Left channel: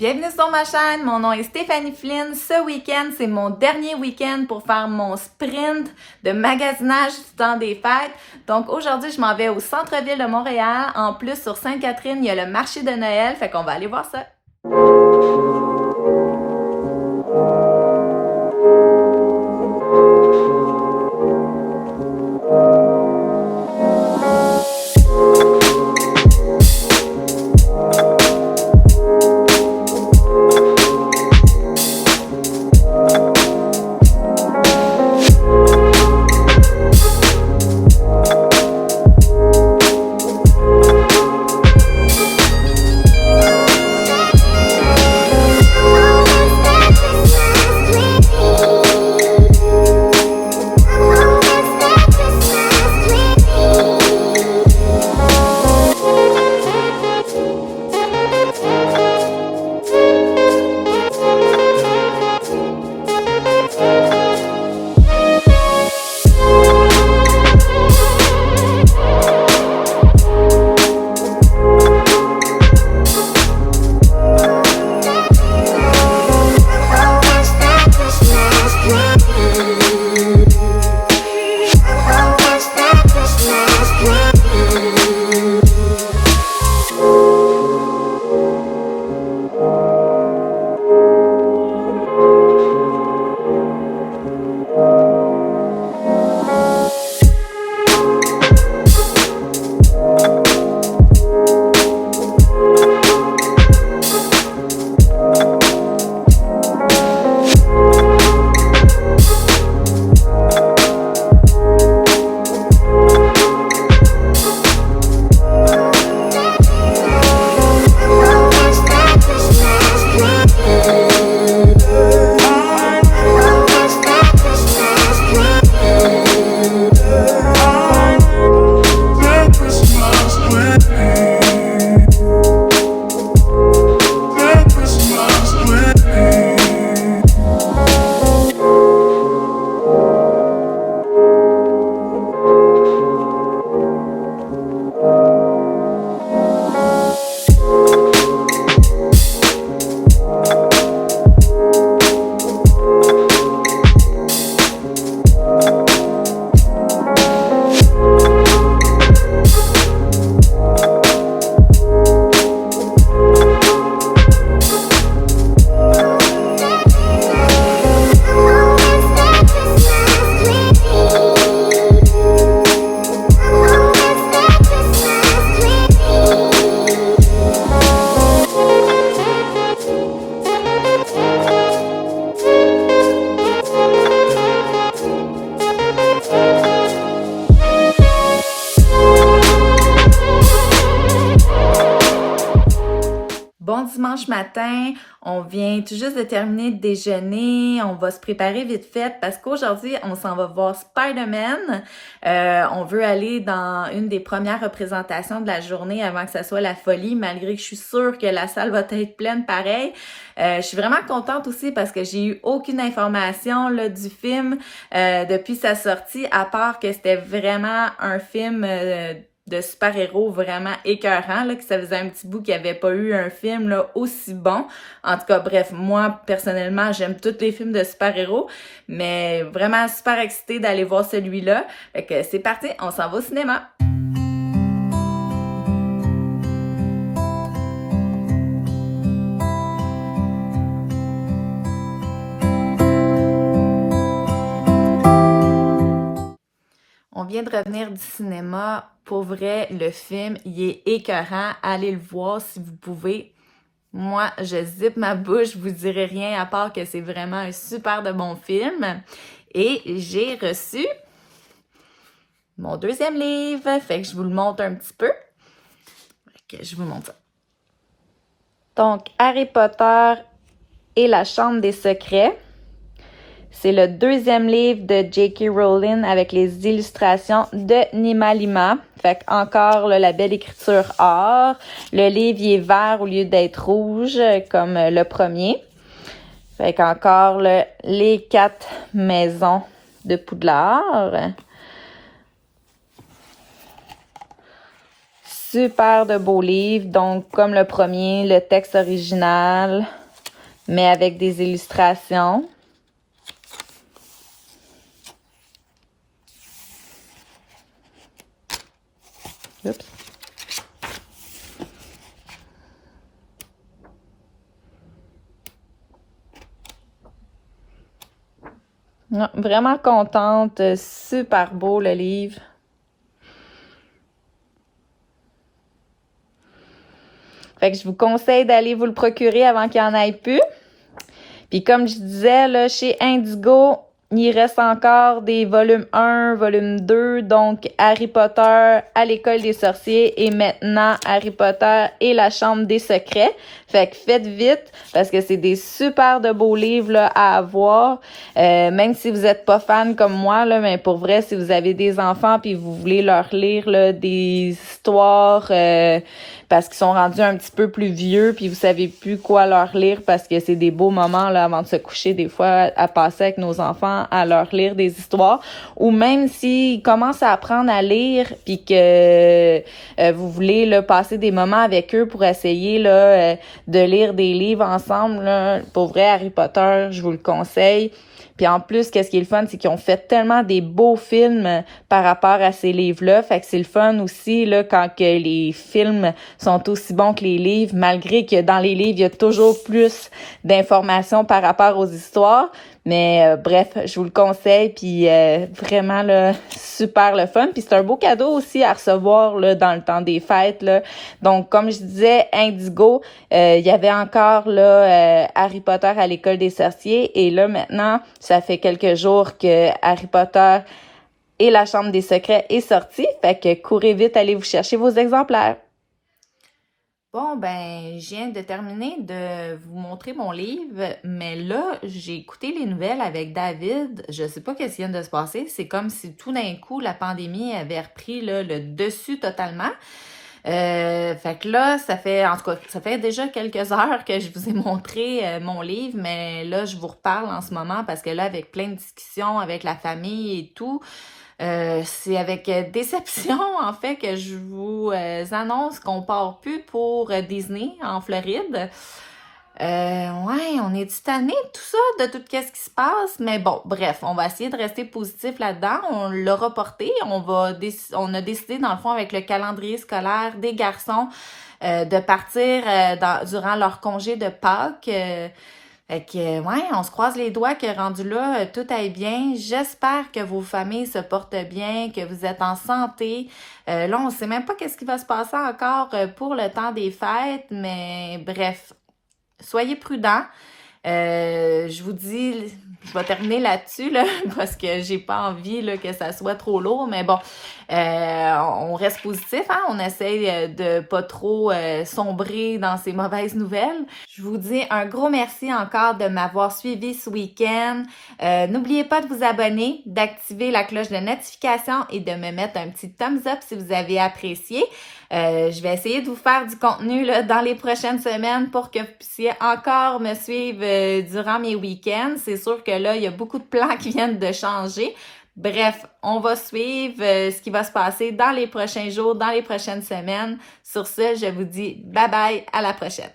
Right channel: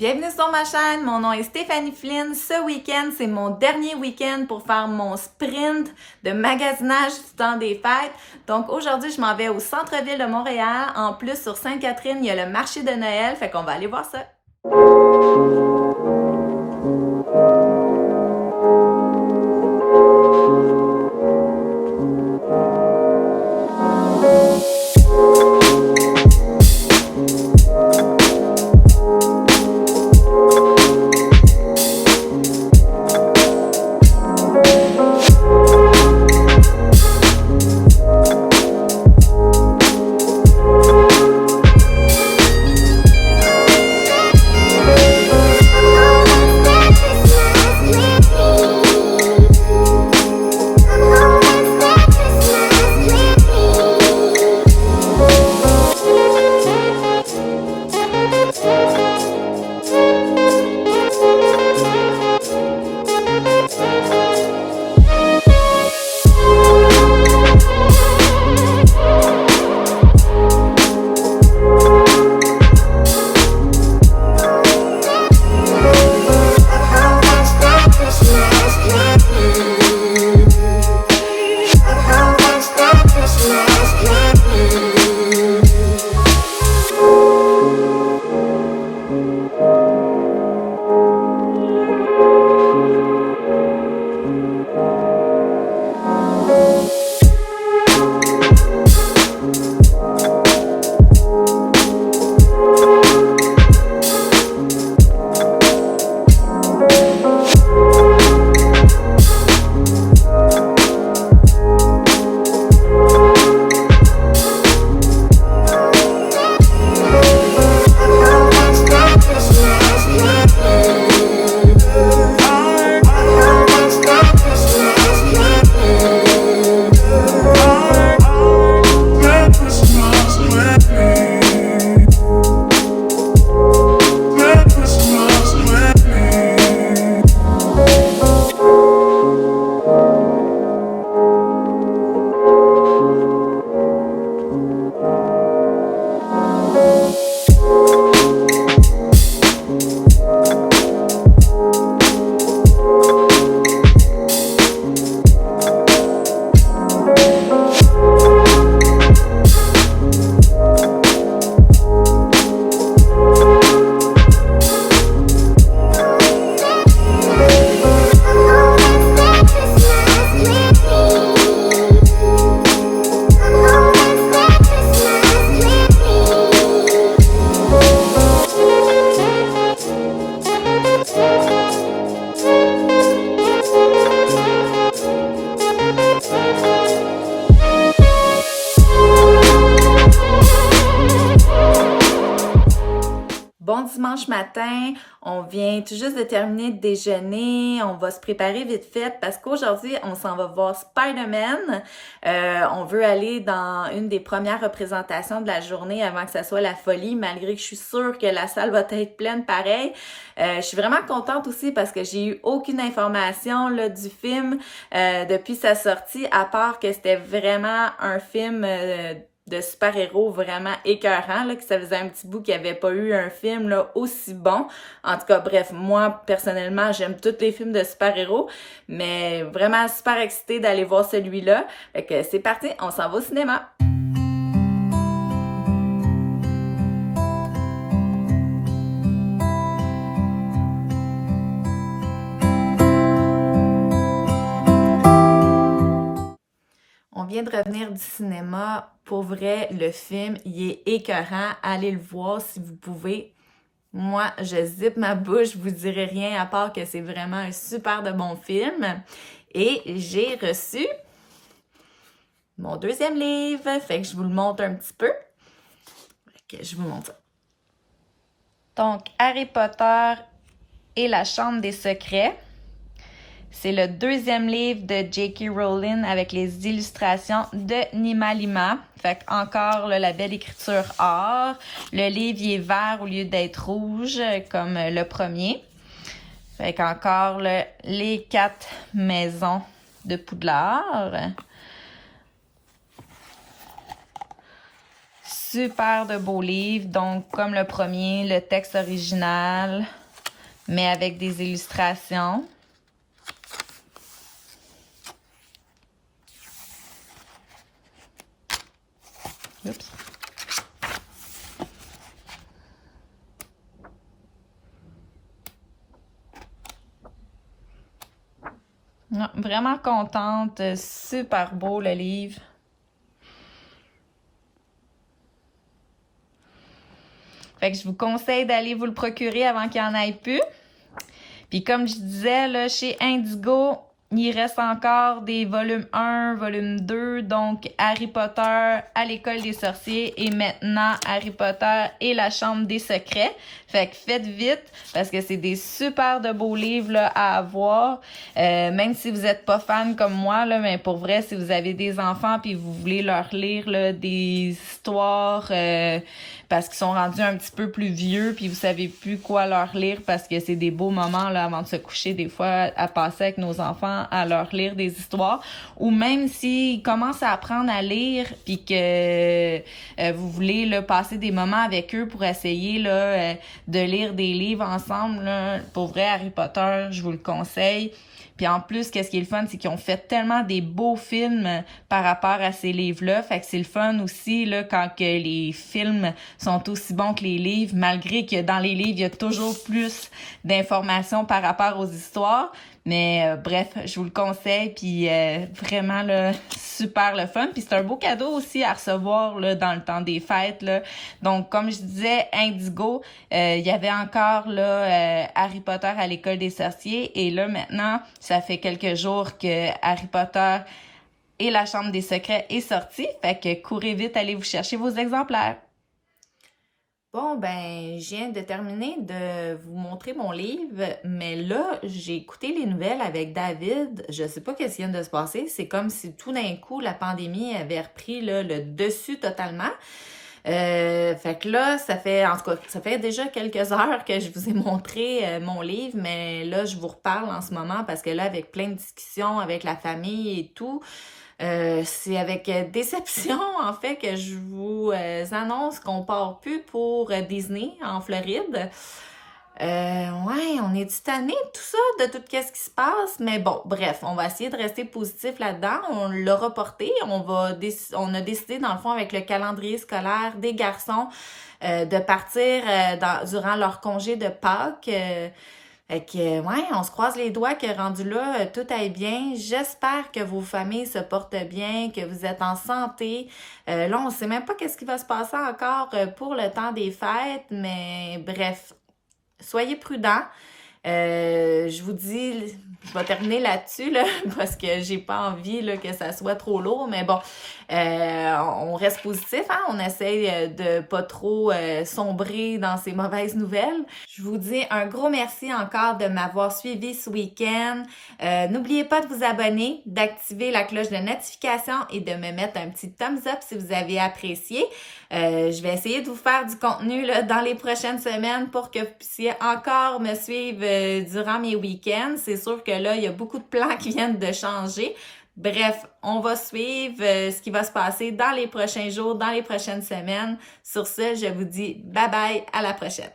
Bienvenue sur ma chaîne, mon nom est Stéphanie Flynn. Ce week-end, c'est mon dernier week-end pour faire mon sprint de magasinage du temps des fêtes. Donc aujourd'hui, je m'en vais au centre-ville de Montréal. En plus, sur Sainte-Catherine, il y a le marché de Noël, fait qu'on va aller voir ça. Bon dimanche matin, on vient tout juste de terminer de déjeuner, on va se préparer vite fait parce qu'aujourd'hui, on s'en va voir Spider-Man. On veut aller dans une des premières représentations de la journée avant que ça soit la folie, malgré que je suis sûre que la salle va être pleine pareil. Je suis vraiment contente aussi parce que j'ai eu aucune information là, du film depuis sa sortie, à part que c'était vraiment un film de super-héros vraiment écœurant, là, que ça faisait un petit bout qu'il n'y avait pas eu un film là, aussi bon. En tout cas, bref, moi, personnellement, j'aime tous les films de super-héros, mais vraiment super excitée d'aller voir celui-là. Fait que c'est parti, on s'en va au cinéma! On vient de revenir du cinéma. Pour vrai, le film, il est écœurant. Allez le voir si vous pouvez. Moi, je zippe ma bouche, je vous dirai rien à part que c'est vraiment un super de bon film. Et j'ai reçu mon deuxième livre. Fait que je vous le montre un petit peu. Ok, je vous montre ça. Donc, Harry Potter et la Chambre des secrets. C'est le deuxième livre de J.K. Rowling avec les illustrations de Nima Lima. Fait encore là, la belle écriture or. Le livre il est vert au lieu d'être rouge comme le premier. Fait qu'encore là, les 4 maisons de Poudlard. super de beaux livres. Donc, comme le premier, le texte original, mais avec des illustrations. Oups. Non, vraiment contente. Super beau le livre. Fait que je vous conseille d'aller vous le procurer avant qu'il n'y en ait plus. Puis comme je disais, là, chez Indigo, il reste encore des volumes 1, volume 2, donc Harry Potter à l'école des sorciers et maintenant Harry Potter et la chambre des secrets. Fait que faites vite parce que c'est des super de beaux livres là, à avoir. Même si vous êtes pas fan comme moi, là, mais pour vrai, si vous avez des enfants puis vous voulez leur lire là, des histoires parce qu'ils sont rendus un petit peu plus vieux puis vous savez plus quoi leur lire parce que c'est des beaux moments là avant de se coucher des fois à passer avec nos enfants à leur lire des histoires, ou même s'ils commencent à apprendre à lire puis que vous voulez là, passer des moments avec eux pour essayer là, de lire des livres ensemble, là, pour vrai, Harry Potter, je vous le conseille. Puis en plus, qu'est-ce qui est le fun, c'est qu'ils ont fait tellement des beaux films par rapport à ces livres-là. Fait que c'est le fun aussi là quand que les films sont aussi bons que les livres, malgré que dans les livres, il y a toujours plus d'informations par rapport aux histoires. Mais bref, je vous le conseille, puis vraiment là, super le fun. Puis c'est un beau cadeau aussi à recevoir là, dans le temps des fêtes. Là. Donc, comme je disais, Indigo, il y avait encore là Harry Potter à l'école des sorciers. Et là, maintenant, ça fait quelques jours que Harry Potter et la chambre des secrets est sorti. Fait que courez vite, allez vous chercher vos exemplaires. Bon, ben, je viens de terminer de vous montrer mon livre, mais là, j'ai écouté les nouvelles avec David. Je sais pas qu'est-ce qui vient de se passer. C'est comme si tout d'un coup, la pandémie avait repris là, le dessus totalement. Fait que là, en tout cas, ça fait déjà quelques heures que je vous ai montré mon livre, mais là, je vous reparle en ce moment parce que là, avec plein de discussions avec la famille et tout, c'est avec déception, en fait, que je vous annonce qu'on part plus pour Disney en Floride. Ouais, on est tanné de tout ça, de tout ce qui se passe, mais bon, bref, on va essayer de rester positif là-dedans. On l'a reporté, on a décidé, dans le fond, avec le calendrier scolaire des garçons, de partir durant leur congé de Pâques. Fait que, ouais, on se croise les doigts que rendu là, tout aille bien. J'espère que vos familles se portent bien, que vous êtes en santé. Là, on sait même pas qu'est-ce qui va se passer encore pour le temps des fêtes, mais bref, soyez prudents. Je vous dis, je vais terminer là-dessus, là, parce que j'ai pas envie là, que ça soit trop lourd, mais bon, on reste positif, hein? On essaye de pas trop sombrer dans ces mauvaises nouvelles. Je vous dis un gros merci encore de m'avoir suivi ce week-end. N'oubliez pas de vous abonner, d'activer la cloche de notification et de me mettre un petit thumbs up si vous avez apprécié. Je vais essayer de vous faire du contenu là, dans les prochaines semaines pour que vous puissiez encore me suivre durant mes week-ends. C'est sûr que là, il y a beaucoup de plans qui viennent de changer. Bref, on va suivre ce qui va se passer dans les prochains jours, dans les prochaines semaines. Sur ce, je vous dis bye bye, à la prochaine.